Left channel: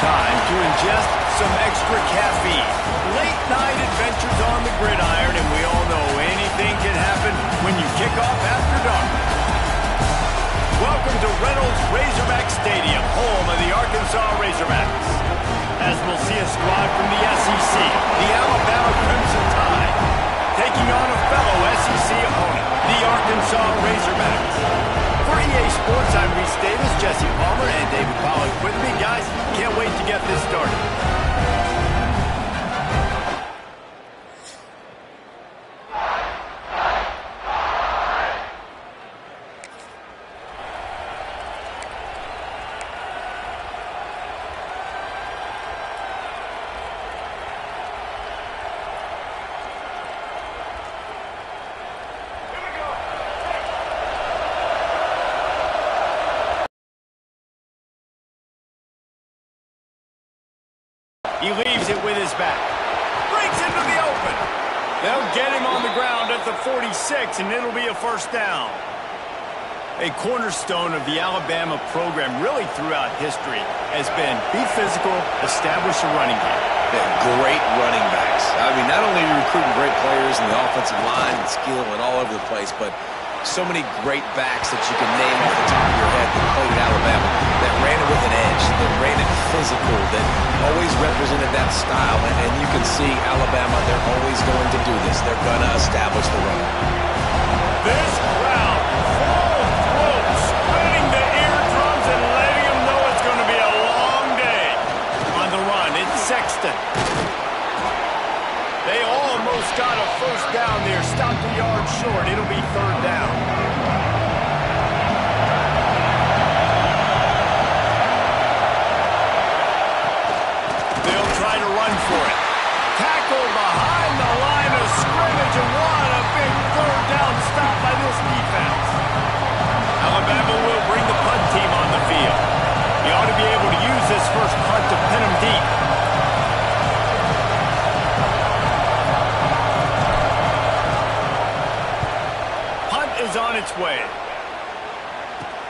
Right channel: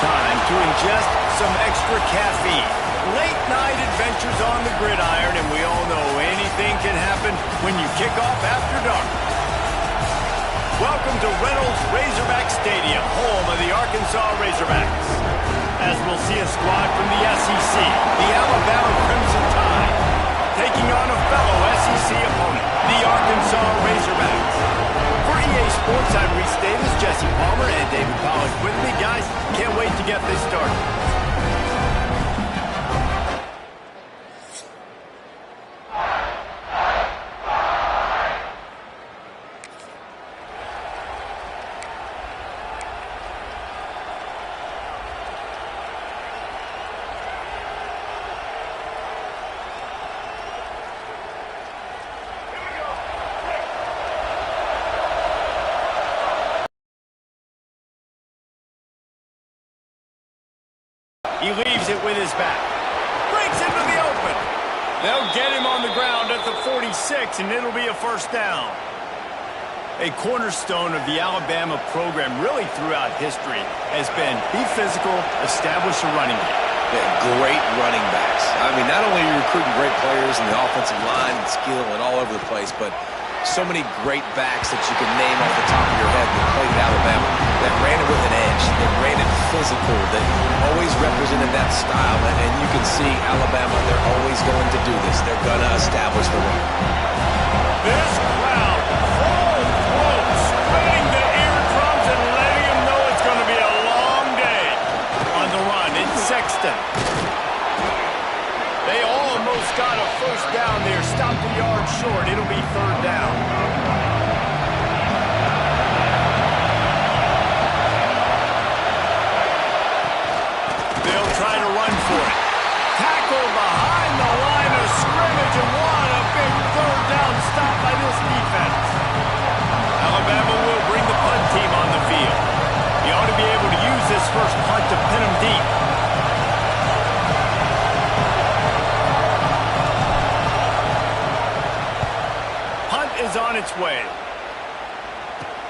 time to ingest some extra caffeine. Late night adventures on the gridiron, and we all know anything can happen when you kick off after dark. Welcome to Reynolds Razorback Stadium, home of the Arkansas Razorbacks. As we'll see a squad from the SEC, the Alabama Crimson Tide, taking on a fellow SEC opponent, the Arkansas Razorbacks. For EA Sports, I'm Reese Davis, Jesse Palmer, and David Pollack with me. Guys, can't wait to get this started. He leaves it with his back. Breaks into the open. They'll get him on the ground at the 46, and it'll be a first down. A cornerstone of the Alabama program really throughout history has been be physical, establish a running game. Yeah, great running backs. I mean, not only are you recruiting great players in the offensive line and skill and all over the place, but so many great backs that you can name off the top of your head that played at Alabama, that ran it with an edge, that ran it physical, that always represented that style. And you can see Alabama, they're always going to do this. They're going to establish the run. This crowd, full throat, spreading the eardrums and letting them know it's going to be a long day. On the run, it's Sexton. They almost got a first down there. Stopped a yard short. It'll be third down. They'll try to run for it. Tackle behind the line of scrimmage, and what a big third down stop by this defense. Alabama will bring the punt team on the field. He ought to be able to use this first punt to pin him deep. Is on its way.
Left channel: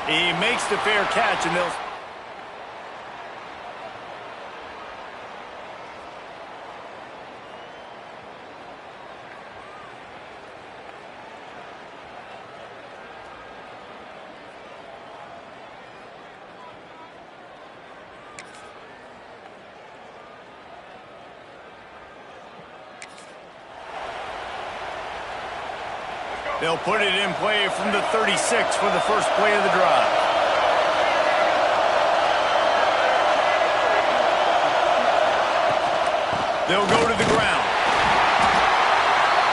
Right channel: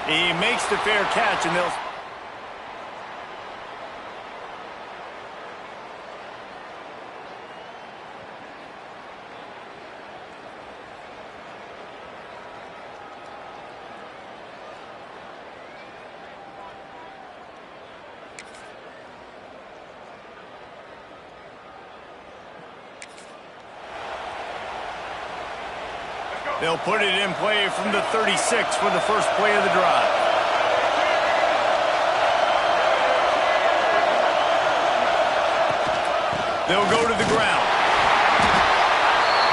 He makes the fair catch, and they'll... They'll put it in play from the 36 for the first play of the drive. They'll go to the ground.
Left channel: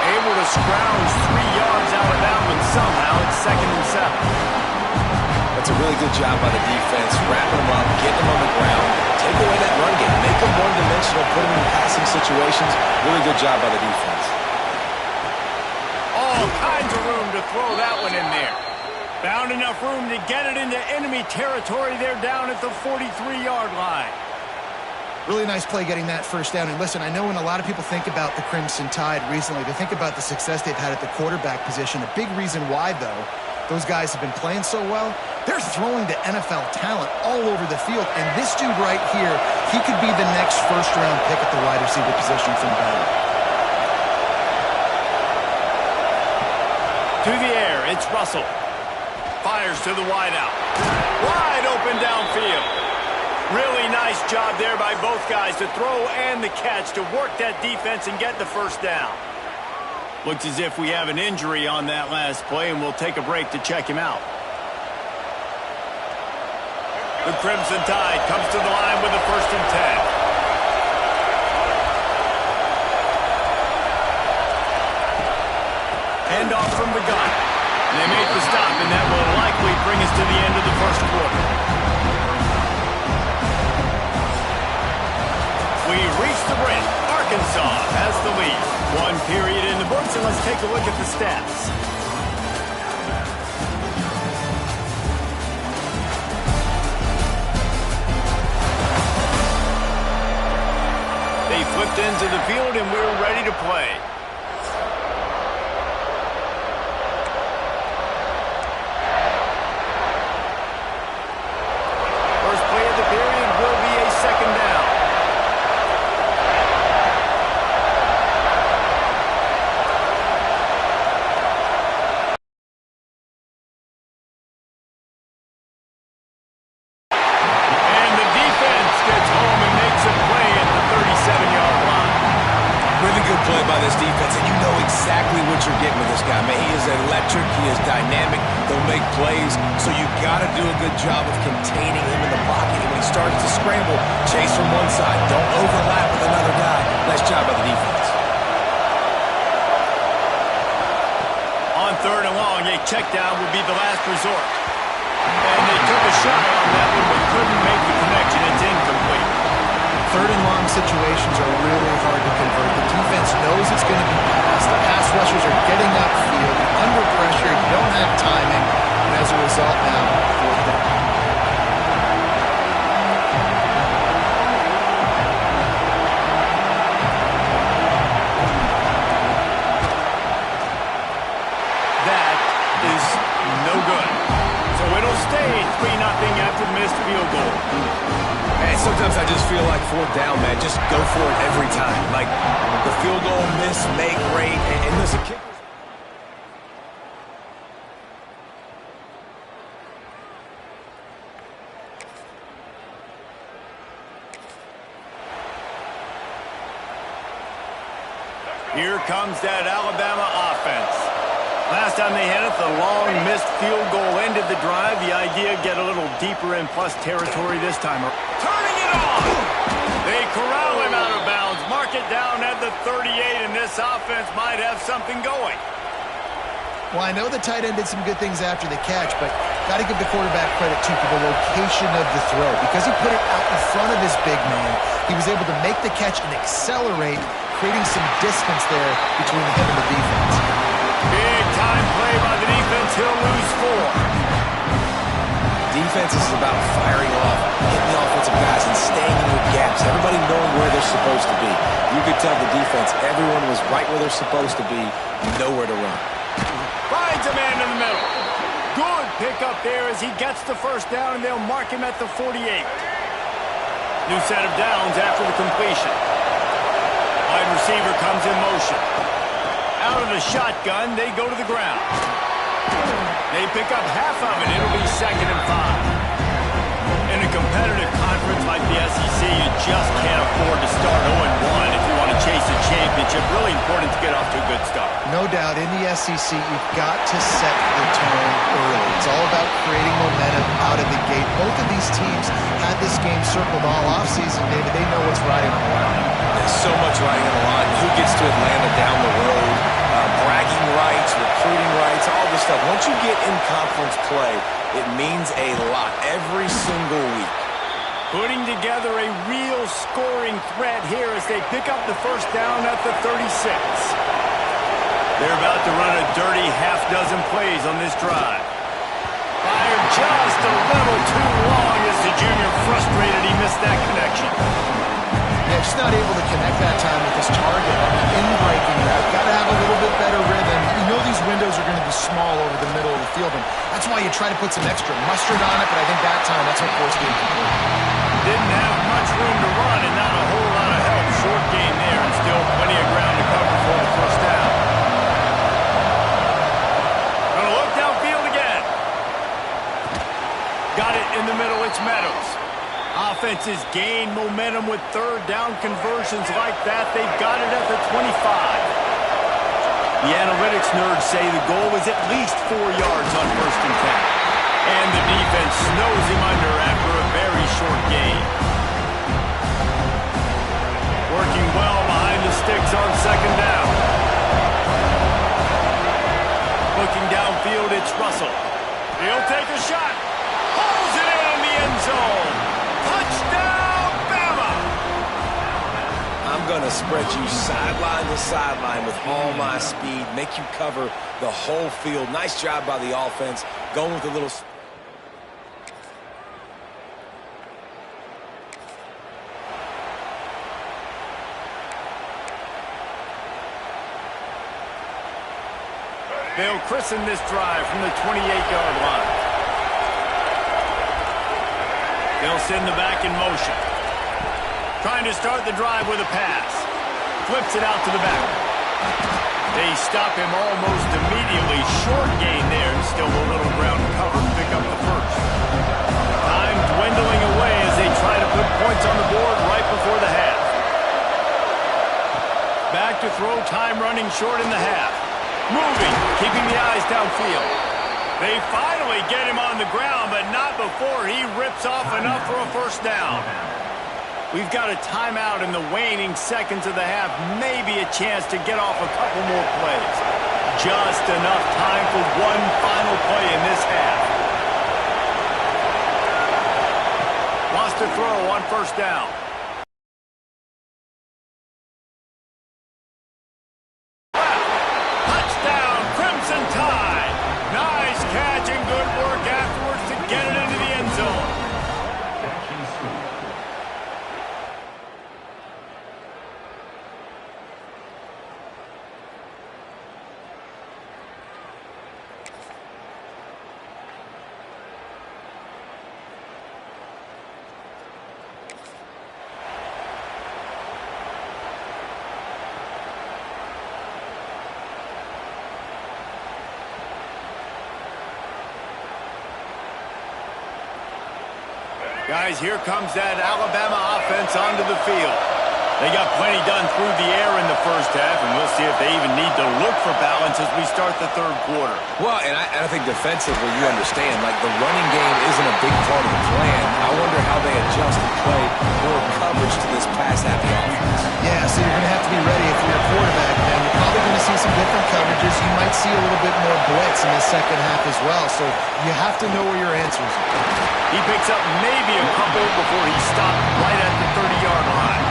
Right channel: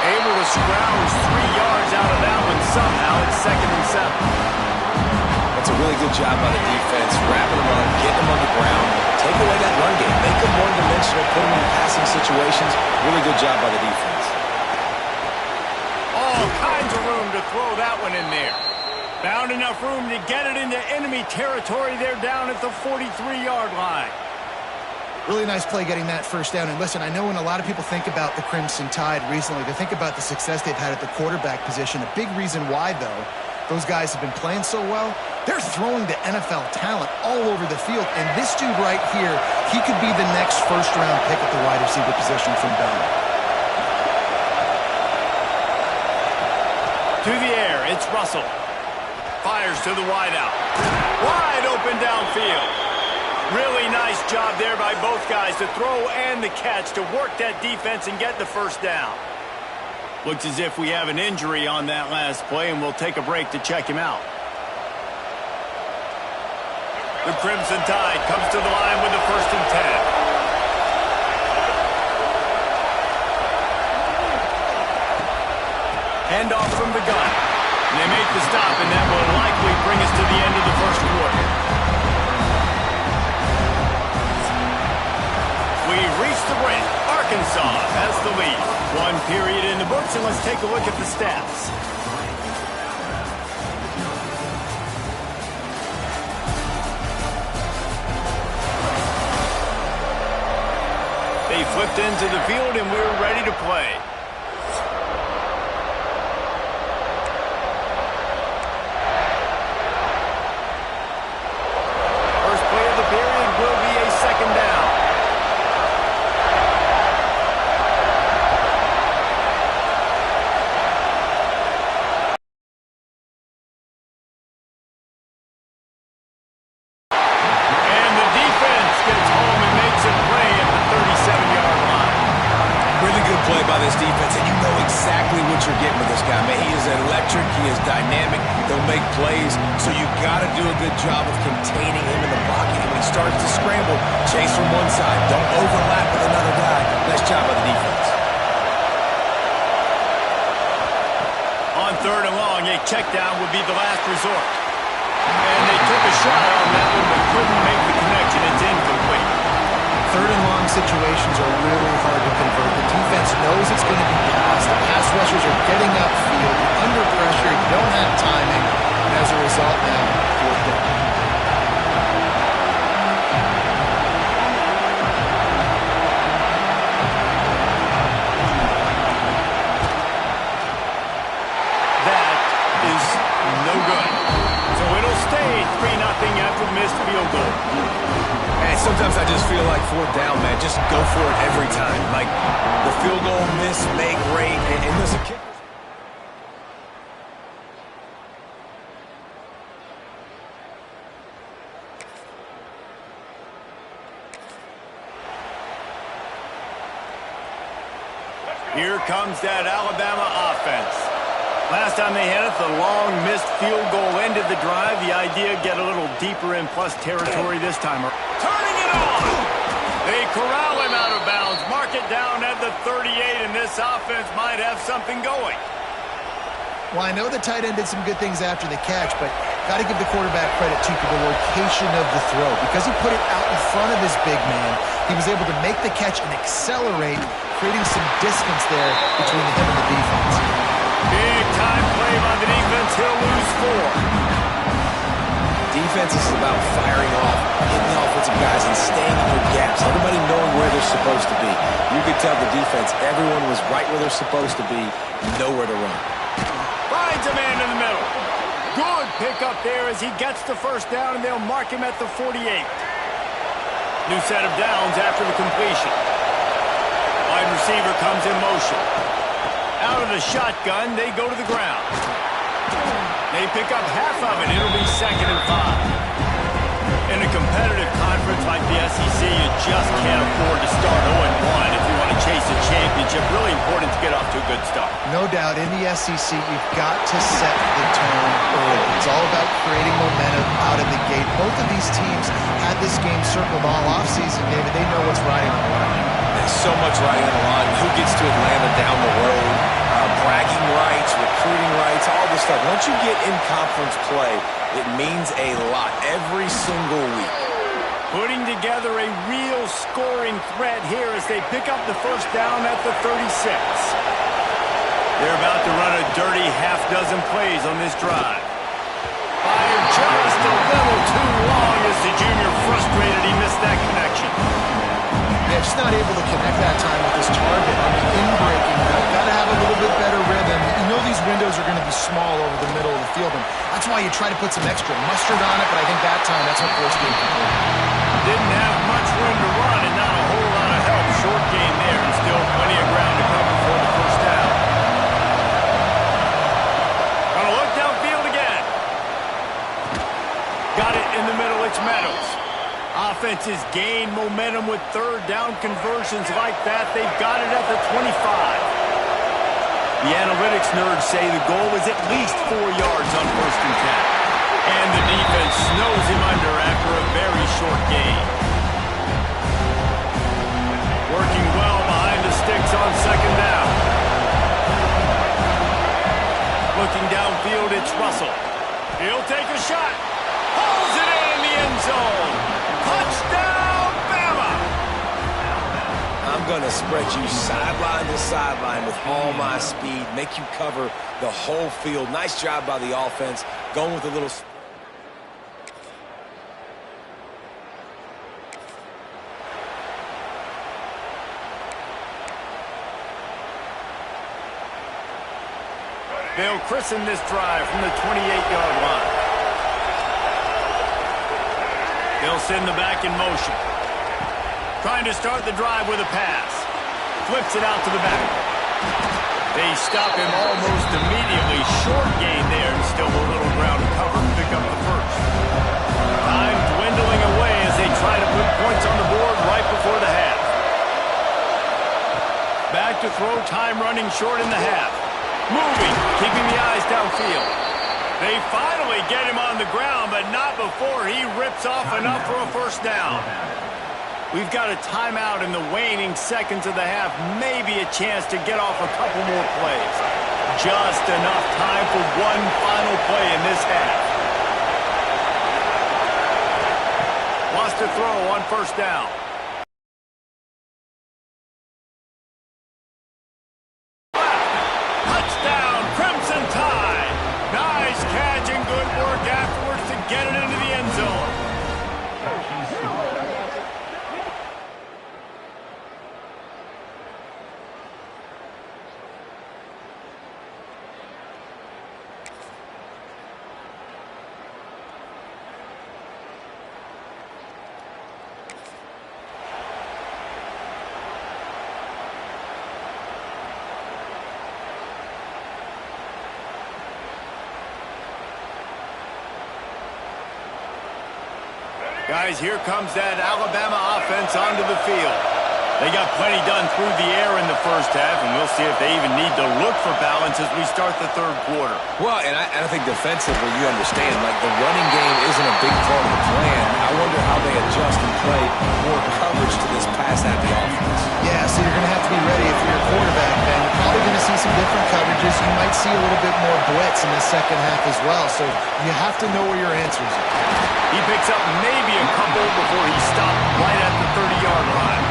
Able to scrounge 3 yards out of that one somehow. It's 2nd and 7. That's a really good job by the defense, wrapping them up, getting them on the ground, take away that run game, make them one-dimensional, put them in passing situations. Really good job by the defense. All kinds of room to throw that one in there. Found enough room to get it into enemy territory. They're down at the 43-yard line. Really nice play getting that first down. And listen, I know when a lot of people think about the Crimson Tide recently, they think about the success they've had at the quarterback position. A big reason why, though, those guys have been playing so well, they're throwing to NFL talent all over the field. And this dude right here, he could be the next first-round pick at the wide receiver position from Bama. To the air, it's Russell. Fires to the wideout. Wide open downfield. Really nice job there by both guys to throw and the catch to work that defense and get the first down. Looks as if we have an injury on that last play, and we'll take a break to check him out. The Crimson Tide comes to the line with the 1st and 10. Handoff from the gun. And they make the stop, and that will likely bring us to the end of the first quarter. We reach the break. Arkansas has the lead. 1 period in the books, and let's take a look at the stats. They flipped into the field, and we're ready to play. First play of the period will be a 2nd down. play by this defense, and you know exactly what you're getting with this guy, man. He is electric. He is dynamic. He'll make plays, so you got to do a good job of containing him in the pocket. And when he starts to scramble, chase from one side. Don't overlap with another guy. Nice job by the defense. On 3rd and long, a check down would be the last resort. And they took a shot on that one, but couldn't make the connection. It's incomplete. 3rd and long situations are really hard to convert. The defense knows it's going to be passed. The pass rushers are getting upfield. You're under pressure. You don't have timing. And as a result now, 4th down. That is no good. So it'll stay 3-0 after the missed field goal. And sometimes I just feel like 4th down, man. Just go for it every time. Like the field goal miss, make great. And listen, kickers. Here comes that Alabama offense. Last time they had it, the long missed field goal ended the drive. The idea, get a little deeper in plus territory this time. Turning it on! They corral him out of bounds. Mark it down at the 38, and this offense might have something going. Well, I know the tight end did some good things after the catch, but got to give the quarterback credit, too, for the location of the throw. Because he put it out in front of his big man, he was able to make the catch and accelerate, creating some distance there between him and the defense. Big time play by the defense. He'll lose 4. Defense is about firing off, hitting the offensive guys, and staying in your gaps. Everybody knowing where they're supposed to be. You could tell the defense, everyone was right where they're supposed to be, nowhere to run. Finds a man in the middle. Good pickup there as he gets the 1st down, and they'll mark him at the 48. New set of downs after the completion. Wide receiver comes in motion. Out of the shotgun, they go to the ground. They pick up half of it. It'll be 2nd and 5. In a competitive conference like the SEC, you just can't afford to start 0-1 if you want to chase a championship. Really important to get off to a good start. No doubt, in the SEC, you've got to set the tone early. It's all about creating momentum out of the gate. Both of these teams had this game circled all offseason, David. They know what's riding on the line. There's so much riding on the line. Who gets to Atlanta down the road? Bragging rights, recruiting rights, all this stuff. Once you get in conference play, it means a lot every single week. Putting together a real scoring threat here as they pick up the 1st down at the 36. They're about to run a dirty half-dozen plays on this drive. Fired just a little too long as the junior frustrated he missed that connection. Yeah, just not able to connect that time with his target on the in-breaking route. Got to have a little bit better rhythm. You know these windows are going to be small over the middle of the field, and that's why you try to put some extra mustard on it, but I think that time that's what forced the incomplete. Didn't have much room to run and not a whole lot of help. Short gain there and still plenty of ground to cover for the 1st down. Gonna look downfield again. Got it in the middle. It's Meadows. Offenses gain momentum with 3rd down conversions like that. They've got it at the 25. The analytics nerds say the goal is at least 4 yards on 1st and 10. And the defense snows him under after a very short gain. Working well behind the sticks on 2nd down. Looking downfield, it's Russell. He'll take a shot. Pulls it in the end zone. Touchdown, Bama! I'm going to spread you sideline to sideline with all my speed, make you cover the whole field. Nice job by the offense, going with a little spread. They'll christen this drive from the 28-yard line. They'll send the back in motion. Trying to start the drive with a pass. Flips it out to the back. They stop him almost immediately. Short gain there and still a little ground to cover to pick up the 1st. Time dwindling away as they try to put points on the board right before the half. Back to throw, time running short in the half. Moving, keeping the eyes downfield. They finally get him on the ground, but not before he rips off enough for a first down. We've got a timeout in the waning seconds of the half. Maybe a chance to get off a couple more plays. Just enough time for one final play in this half. Wants to throw on first down. Touchdown, Crimson Tide. Nice catch and good work afterwards to get it into the end zone. Guys, here comes that Alabama offense onto the field. They got plenty done through the air in the first half, and we'll see if they even need to look for balance as we start the third quarter. Well, and I think defensively, you understand, like the running game isn't a big part of the plan. I wonder how they adjust and play more coverage to this pass-happy offense. Yeah, so you're going to have to be ready if you're a quarterback, then. You're probably going to see some different coverages. You might see a little bit more blitz in the second half as well, so you have to know where your answers are. He picks up maybe a couple before he stopped right at the 30-yard line.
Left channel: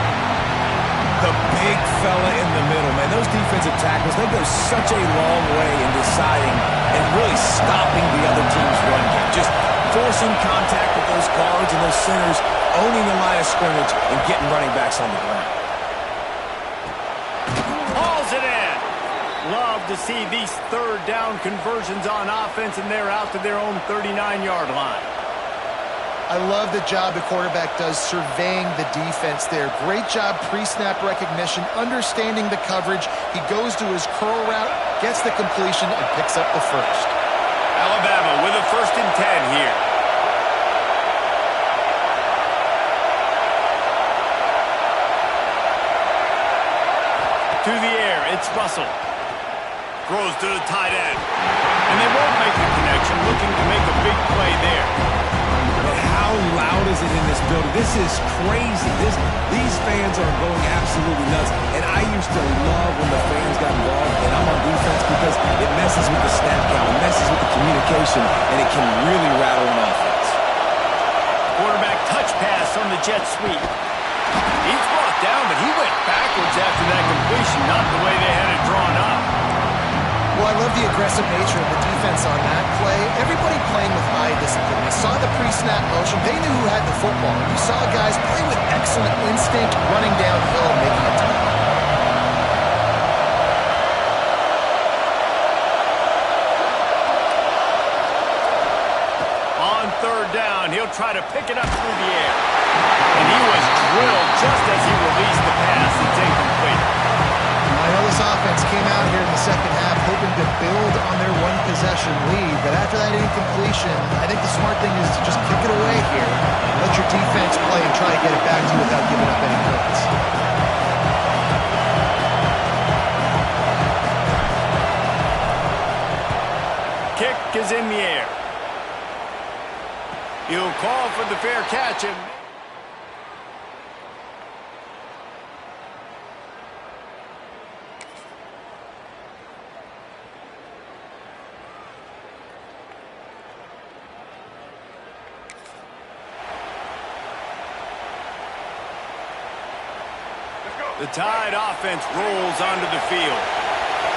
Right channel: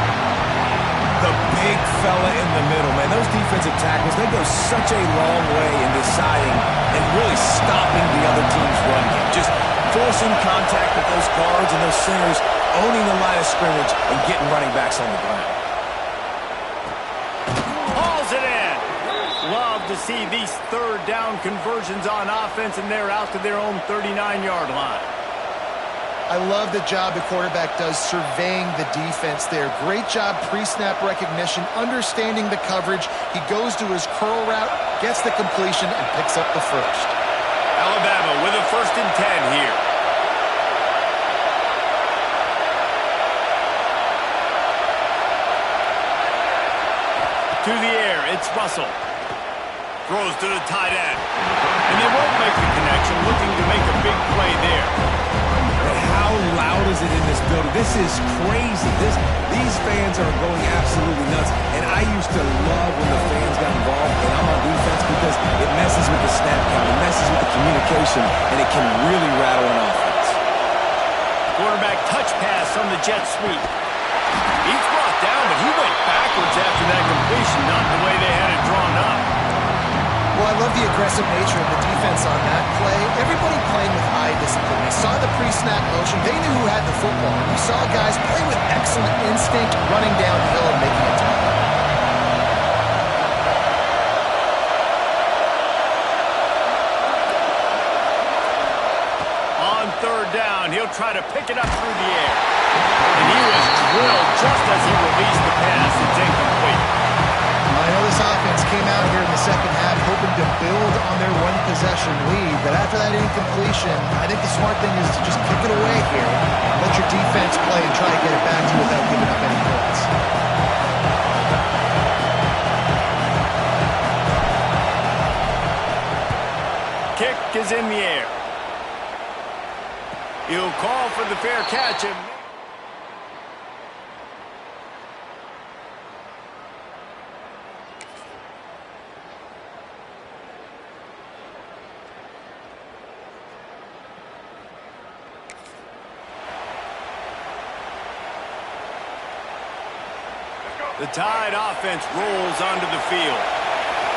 The big fella in the middle, man. Those defensive tackles, they go such a long way in deciding and really stopping the other team's run game. Just forcing contact with those guards and those centers, owning the line of scrimmage, and getting running backs on the ground. Hauls it in. Love to see these third down conversions on offense, and they're out to their own 39-yard line. I love the job the quarterback does surveying the defense there. Great job pre-snap recognition, understanding the coverage. He goes to his curl route, gets the completion, and picks up the first. Alabama with a 1st and 10 here. To the air, it's Russell. Throws to the tight end. And they won't make the connection, looking to make a big play there. How loud is it in this building? This is crazy. These fans are going absolutely nuts. And I used to love when the fans got involved, and I'm on defense because it messes with the snap count, it messes with the communication, and it can really rattle an offense. Quarterback touch pass on the jet sweep. He's brought down, but he went backwards after that completion, not the way they had it drawn up. Well, I love the aggressive nature of the defense on that play. Everybody playing with eye discipline. They saw the pre-snap motion. They knew who had the football. And you saw guys play with excellent instinct, running downhill and making a tackle. On third down, he'll try to pick it up through the air. And he was drilled just as he released the pass. It's incomplete. I know this offense came out here in the second half hoping to build on their one-possession lead, but after that incompletion, I think the smart thing is to just kick it away here, let your defense play and try to get it back to you without giving up any points. Kick is in the air. He'll call for the fair catch and... The Tide offense rolls onto the field.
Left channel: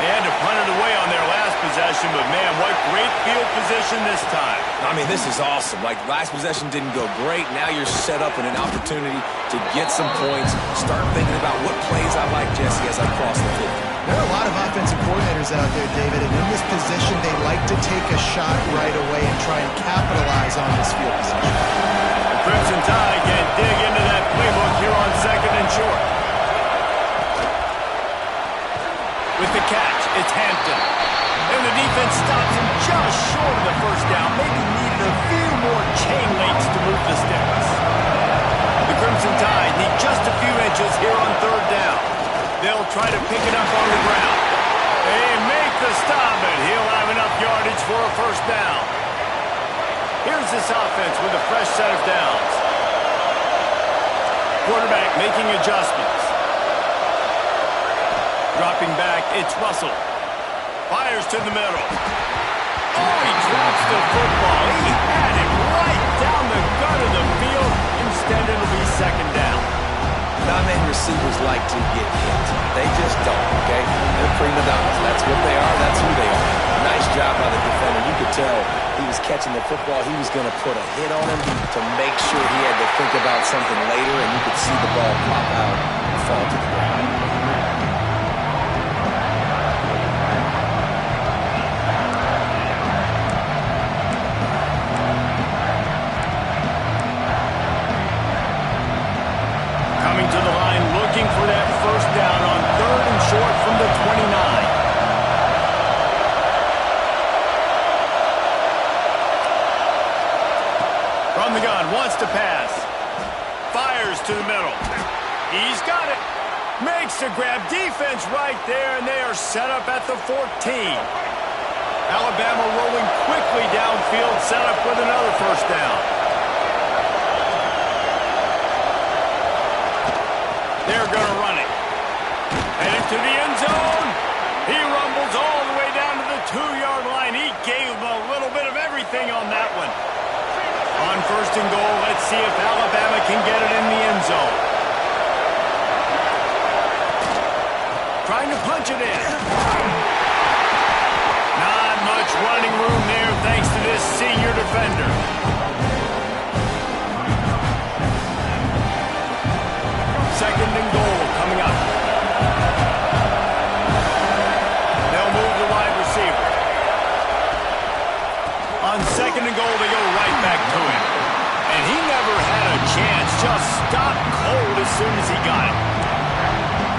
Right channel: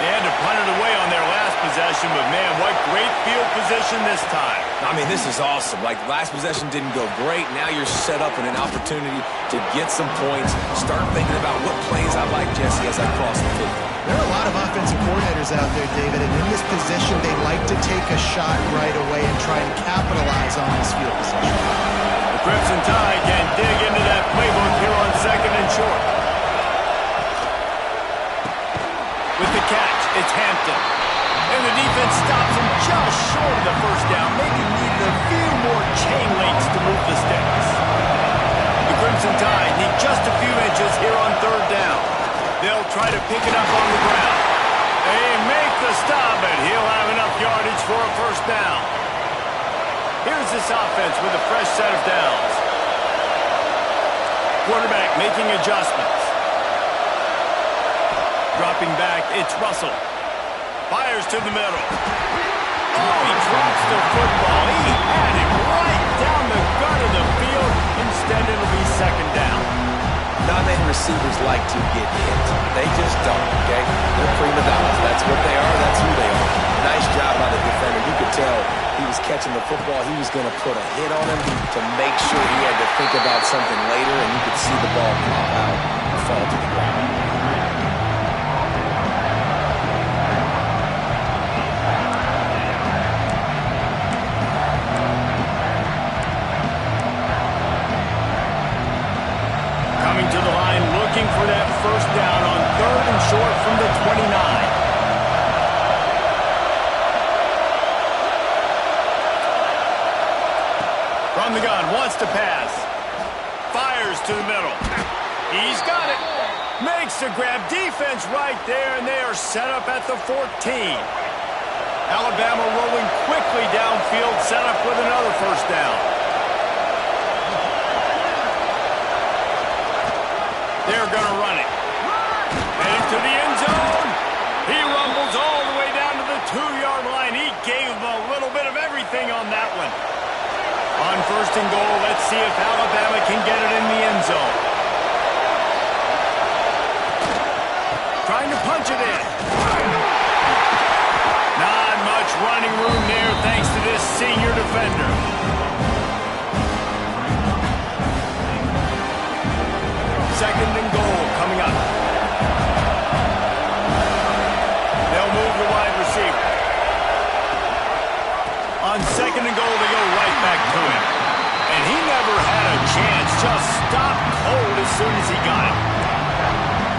They had to punt it away on their last possession, but man, what great field position this time. I mean, this is awesome. Like, last possession didn't go great. Now you're set up in an opportunity to get some points. Start thinking about what plays I like, Jesse, as I cross the 50. There are a lot of offensive coordinators out there, David, and in this position, they like to take a shot right away and try and capitalize on this field position. The Crimson Tide can dig into that playbook here on 2nd and short. With the catch, it's Hampton. And the defense stops him just short of the first down. Maybe needed a few more chain links to move the sticks. The Crimson Tide need just a few inches here on third down. They'll try to pick it up on the ground. They make the stop, but he'll have enough yardage for a first down. Here's this offense with a fresh set of downs. Quarterback making adjustments. Dropping back, it's Russell. Fires to the middle. Oh, he drops the football. He had it right down the gut of the field. Instead, it'll be second down. Non-man receivers like to get hit. They just don't, okay? They're prima donnas. That's what they are. That's who they are. Nice job by the defender. You could tell he was catching the football. He was going to put a hit on him to make sure he had to think about something later, and you could see the ball pop out and fall to the ground. Coming to the line, looking for that first down on 3rd and short from the 29. From the gun, wants to pass. Fires to the middle. He's got it. Makes the grab. Defense right there, and they are set up at the 14. Alabama rolling quickly downfield, set up with another first down. They're going to run it. Heading to the end zone. He rumbles all the way down to the 2-yard line. He gave them a little bit of everything on that one. On 1st and goal, let's see if Alabama can get it in the end zone. Trying to punch it in. Not much running room there thanks to this senior defender. Second and goal coming up. They'll move the wide receiver. On 2nd and goal, they go right back to him. And he never had a chance. Just stopped cold as soon as he got it.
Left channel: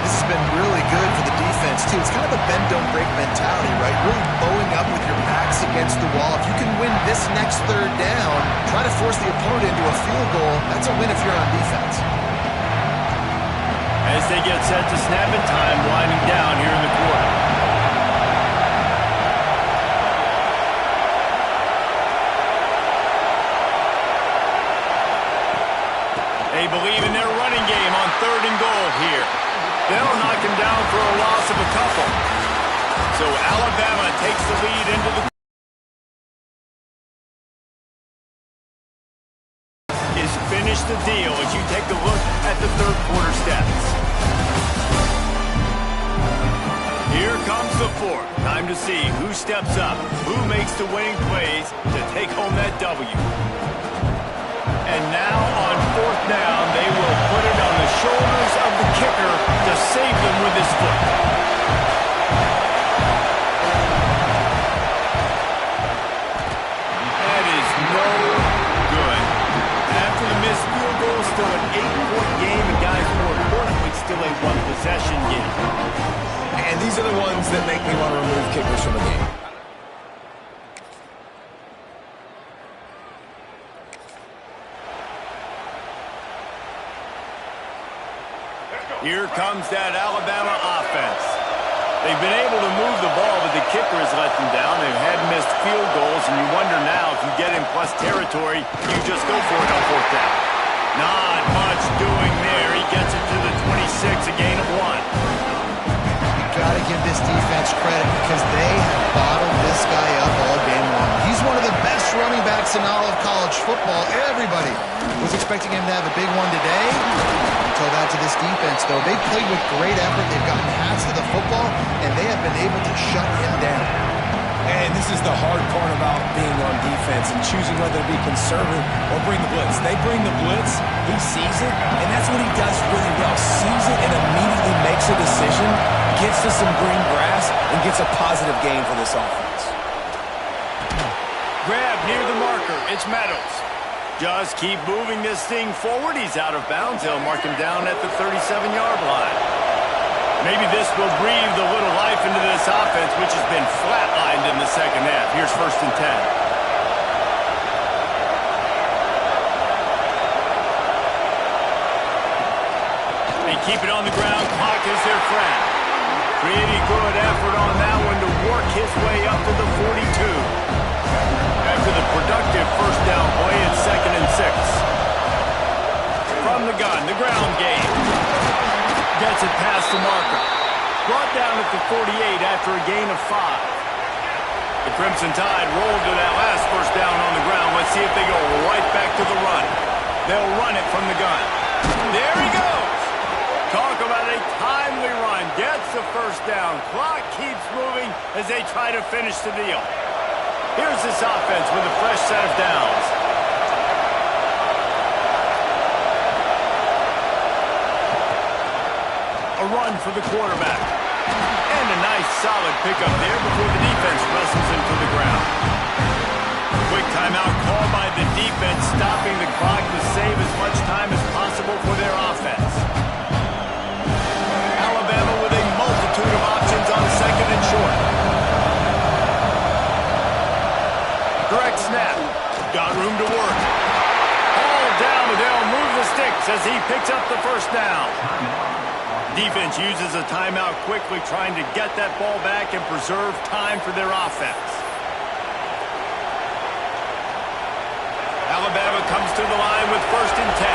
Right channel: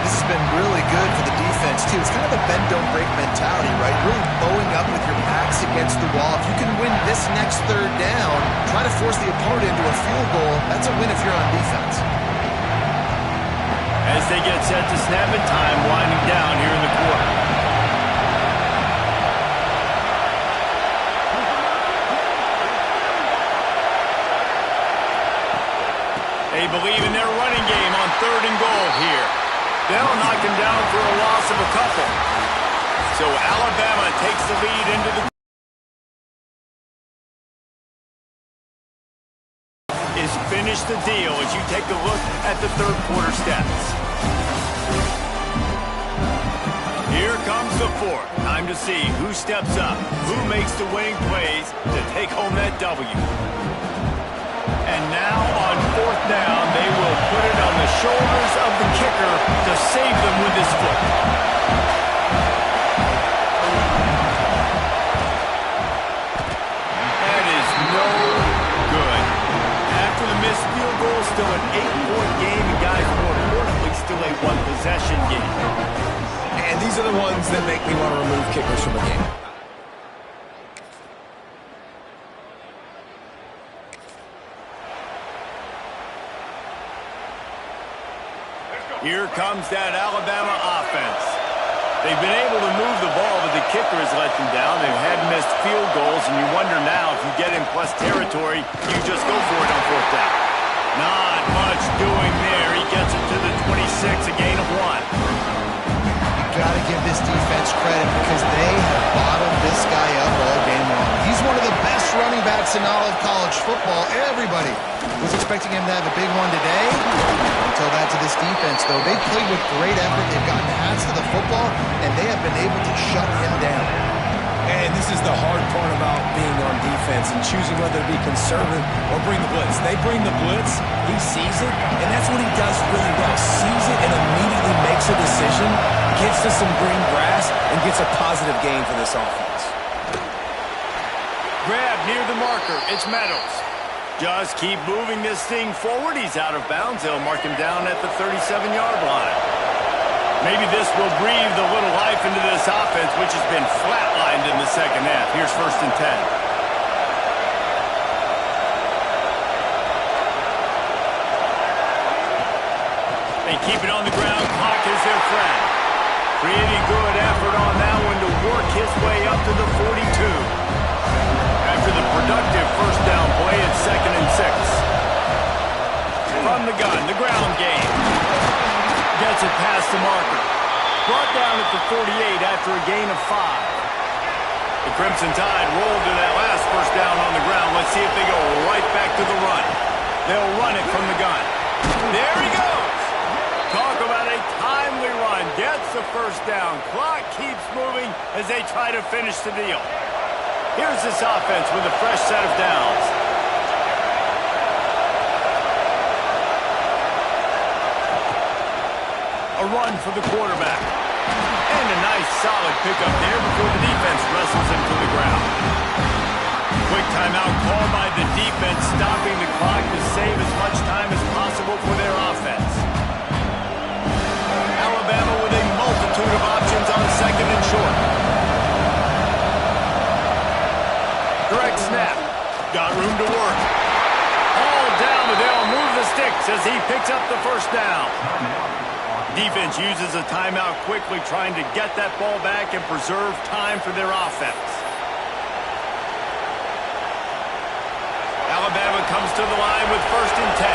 This has been really good for the defense, too. It's kind of a bend-don't-break mentality, right? Really bowing up with your backs against the wall. If you can win this next 3rd down, try to force the opponent into a field goal. That's a win if you're on defense. As they get set to snap it, time winding down here in the quarter. They believe in their running game on 3rd and goal here. They'll knock him down for a loss of a couple. So Alabama takes the lead into the is finish the deal as you take a look at the 3rd quarter stats. Here comes the 4th. Time to see who steps up, who makes the winning plays to take home that W. And now on 4th down, they will put it on the shoulders of the kicker to save them with his foot. That is no good. After the missed field goal, still an 8-point game, and guys, more importantly, still a 1-possession game. And these are the ones that make me want to remove kickers from a game. Here comes that Alabama offense. They've been able to move the ball, but the kicker has let them down. They've had missed field goals, and you wonder now if you get in plus territory, you just go for it on 4th down. Not much doing there. He gets it to the 26, a gain of 1. Got to give this defense credit because they have bottled this guy up all game long. He's one of the best running backs in all of college football. Everybody was expecting him to have a big one today. Until that to this defense, though. They played with great effort. They've gotten hats to the football, and they have been able to shut him down. And this is the hard part about being on defense and choosing whether to be conservative or bring the blitz. They bring the blitz, he sees it, and that's what he does really well. Sees it and immediately makes a decision, gets to some green grass, and gets a positive gain for this offense. Grab near the marker. It's Meadows. Just keep moving this thing forward. He's out of bounds. They'll mark him down at the 37-yard line. Maybe this will breathe a little life into this offense, which has been flatlined in the second half. Here's 1st and 10. They keep it on the ground. Clock is their friend. Pretty good effort on that one to work his way up to the 42. After the productive first down play, it's 2nd and 6. From the gun, the ground game. Gets it past the marker. Brought down at the 48 after a gain of 5. The Crimson Tide rolled to that last first down on the ground. Let's see if they go right back to the run. They'll run it from the gun. There he goes. Talk about a timely run. Gets the first down. Clock keeps moving as they try to finish the deal. Here's this offense with a fresh set of downs. A run for the quarterback. And a nice solid pickup there before the defense wrestles him to the ground. Quick timeout called by the defense, stopping the clock to save as much time as possible for their offense. Alabama with a multitude of options on 2nd and short. Direct snap. Got room to work. Hauled down, but they'll move the sticks as he picks up the first down. Defense uses a timeout quickly, trying to get that ball back and preserve time for their offense. Alabama comes to the line with 1st and 10.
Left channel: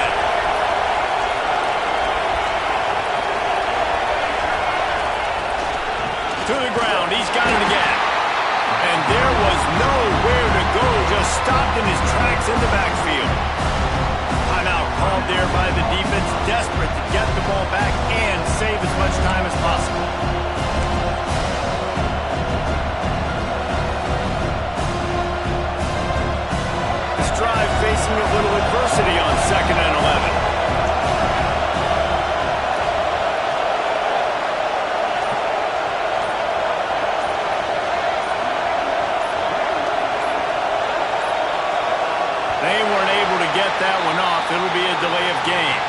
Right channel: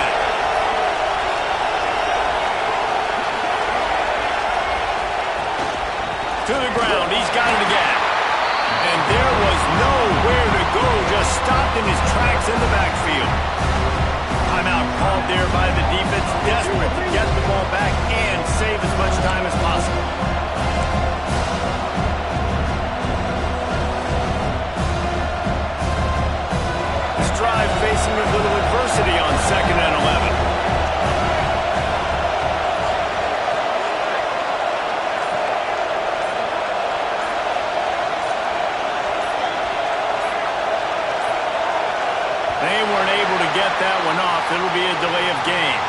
To the ground, he's got it again. And there was nowhere to go, just stopped in his tracks in the backfield. Timeout called there by the defense, desperate to get the ball back and save as much time as possible. This drive facing a little adversity on 2nd and 11. They weren't able to get that one off. It'll be a delay of game.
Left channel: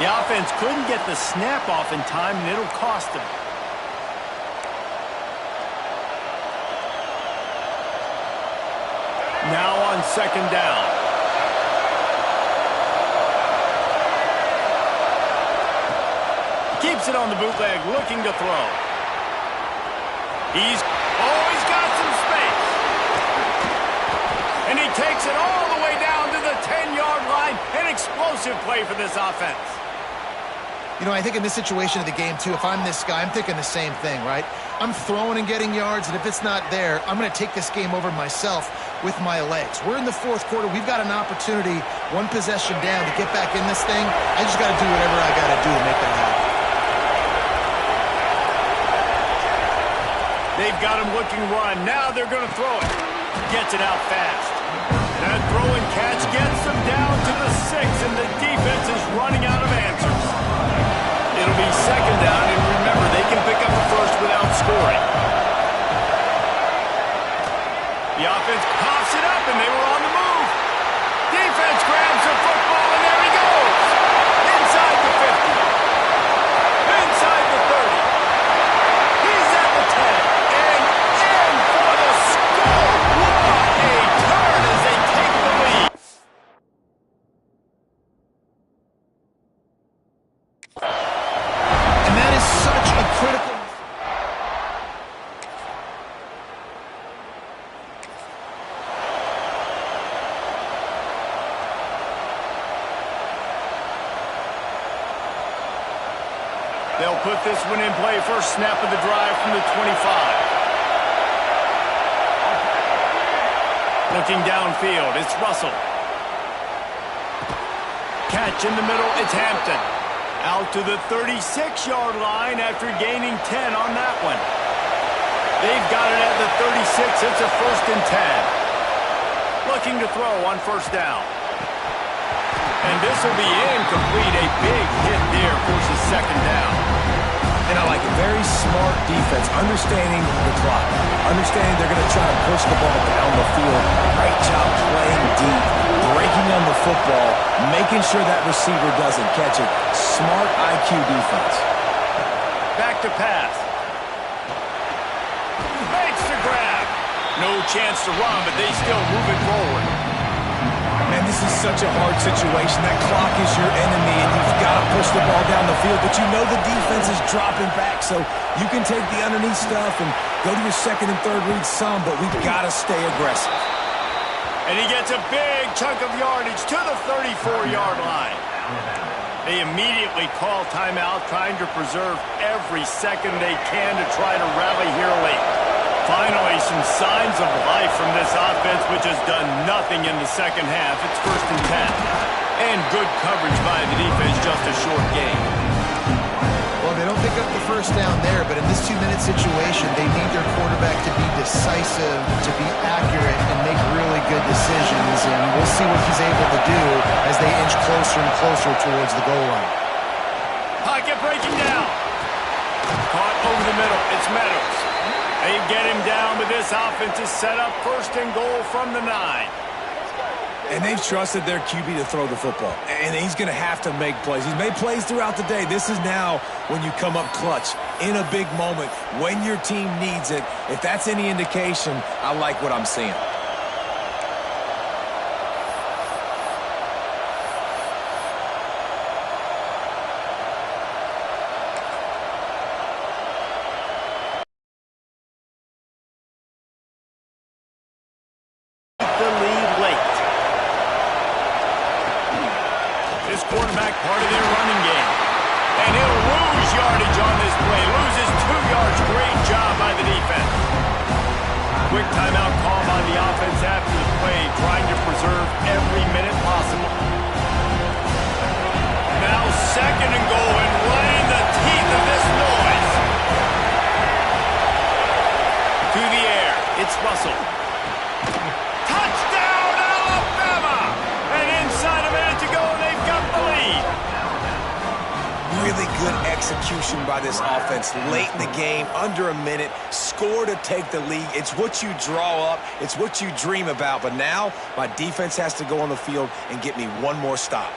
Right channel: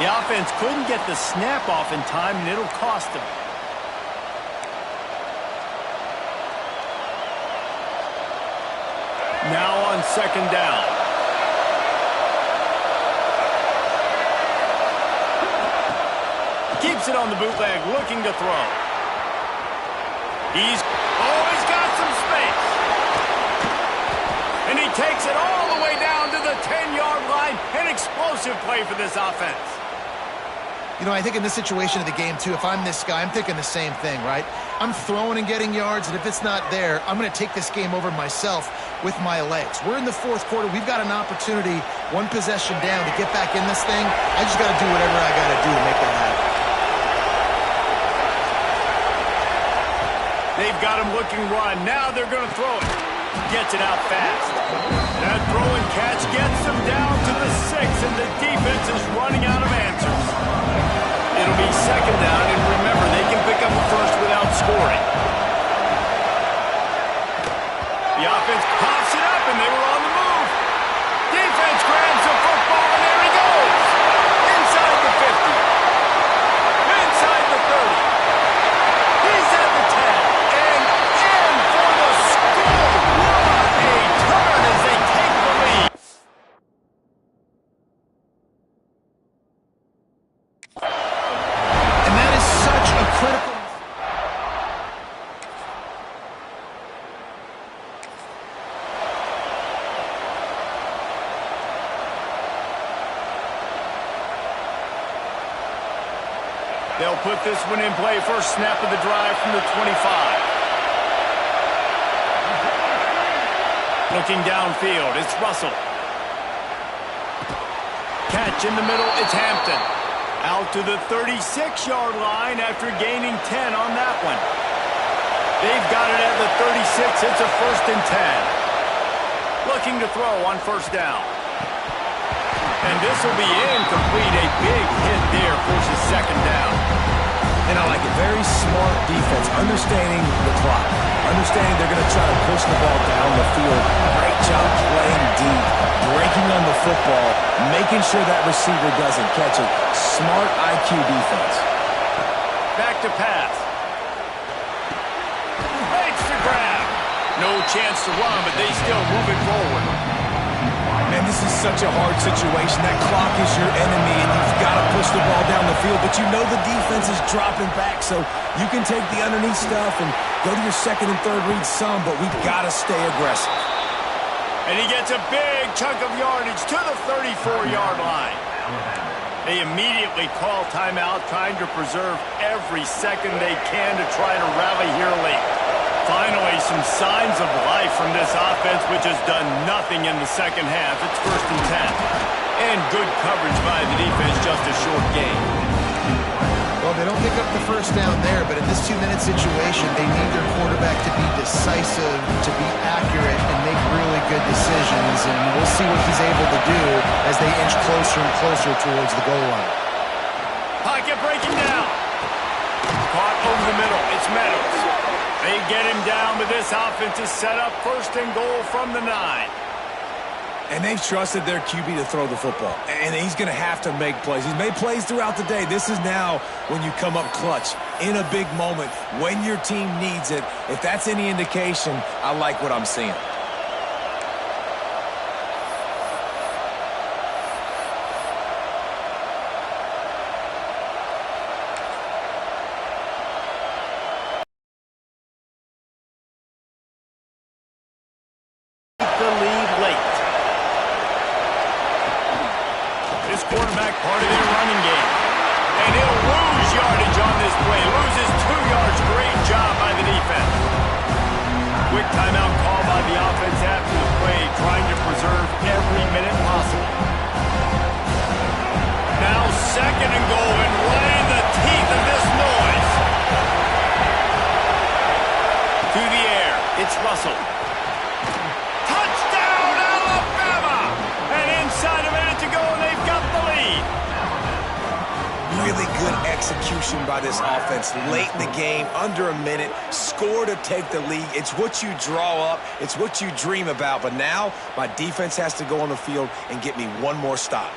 The offense couldn't get the snap off in time, and it'll cost them. Now on 2nd down. Keeps it on the bootleg, looking to throw. He's got some space. And he takes it all the way down to the 10-yard line. An explosive play for this offense. You know, I think in this situation of the game, too, if I'm this guy, I'm thinking the same thing, right? I'm throwing and getting yards, and if it's not there, I'm going to take this game over myself with my legs. We're in the 4th quarter. We've got an opportunity, one possession down, to get back in this thing. I just got to do whatever I got to do to make that happen. They've got him looking run. Now they're going to throw it. Gets it out fast. And that throw and catch gets them down to the 6, and the defense is running out of answers. It'll be 2nd down, and remember, they can pick up a first without scoring. The offense coughs it up, and they were on the move. Defense grabs the football, and there he goes. Inside the 50. Inside the 30. He's at the 10. And in for the score. What a turn as they take the lead. And that is such a critical... They'll put this one in play. First snap of the drive from the 25. Looking downfield, it's Russell. Catch in the middle, it's Hampton. Out to the 36-yard line after gaining 10 on that one. They've got it at the 36. It's a 1st and 10. Looking to throw on 1st down. And this will be incomplete. A big hit there forces 2nd down. And I like it. Very smart defense, understanding the clock, understanding they're going to try to push the ball down the field. Great job playing deep, breaking on the football, making sure that receiver doesn't catch it. Smart IQ defense. Back to pass. Makes the grab. No chance to run, but they still move it forward. Man, this is such a hard situation. That clock is your enemy, and you've got to push the ball down the field. But you know the defense is dropping back, so you can take the underneath stuff and go to your second and third read some, but we've got to stay aggressive. And he gets a big chunk of yardage to the 34-yard line. They immediately call timeout, trying to preserve every second they can to try to rally here late. Finally, some signs of life from this offense, which has done nothing in the second half. It's 1st and 10. And good coverage by the defense, just a short gain. Well, they don't pick up the first down there, but in this 2-minute situation, they need their quarterback to be decisive, to be accurate, and make really good decisions. And we'll see what he's able to do as they inch closer and closer towards the goal line. Pocket breaking down. Caught over the middle. It's Meadows. They get him down, but this offense is set up 1st and goal from the 9. And they've trusted their QB to throw the football. And he's going to have to make plays. He's made plays throughout the day. This is now when you come up clutch in a big moment when your team needs it. If that's any indication, I like what I'm seeing. The lead late. This quarterback part of their running game. And he'll lose yardage on this play. Loses 2 yards. Great job by the defense. Quick timeout call by the offense after the play, trying to preserve every minute possible. Now 2nd and goal, and right in the teeth of this noise. To the air. It's Russell. Touchdown, Alabama! And inside a minute to go, and they've got the lead. Really good execution by this offense late in the game, under a minute, score to take the lead. It's what you draw up. It's what you dream about. But now my defense has to go on the field and get me one more stop.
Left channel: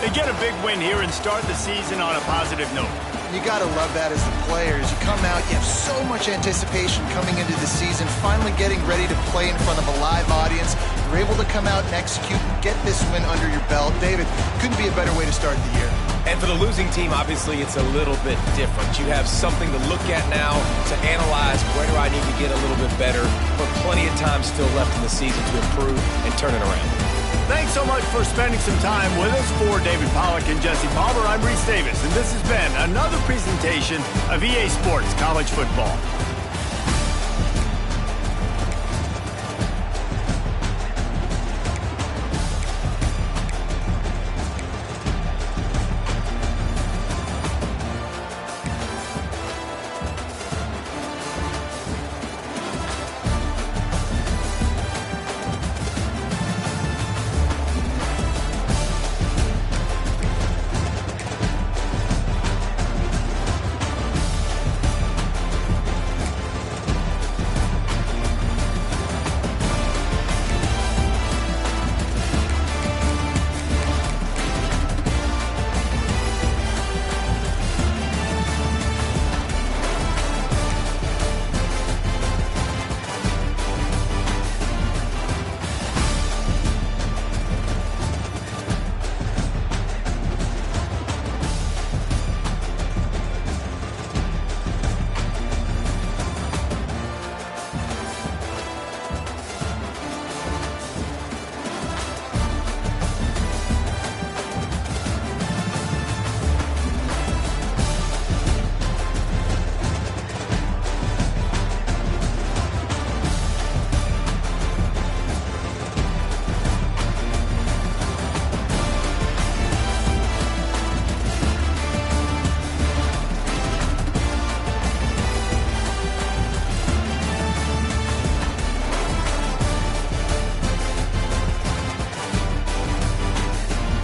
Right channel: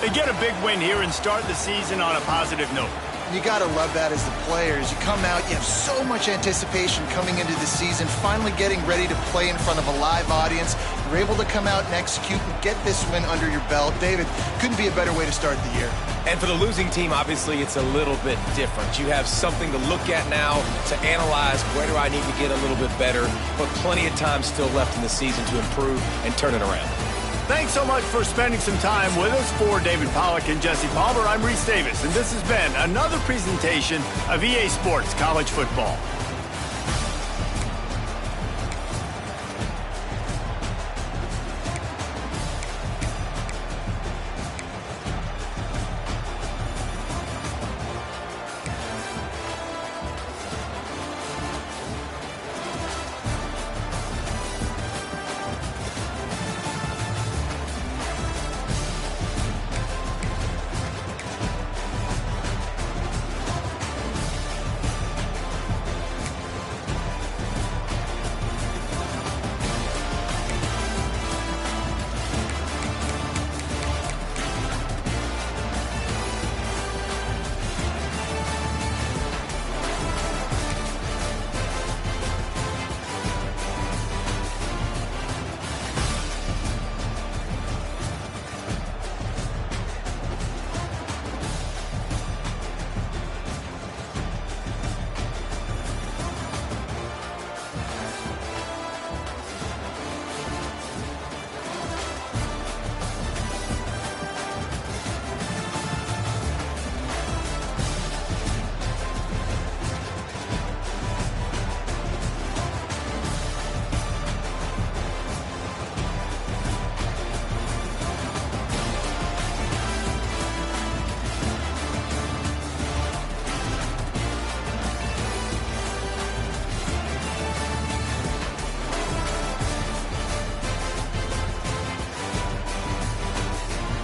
They get a big win here and start the season on a positive note. You got to love that as the players. You come out, you have so much anticipation coming into the season, finally getting ready to play in front of a live audience. You're able to come out and execute and get this win under your belt. David, couldn't be a better way to start the year. And for the losing team, obviously, it's a little bit different. You have something to look at now to analyze where do I need to get a little bit better, but plenty of time still left in the season to improve and turn it around. Thanks so much for spending some time with us. For David Pollack and Jesse Palmer, I'm Reese Davis, and this has been another presentation of EA Sports College Football.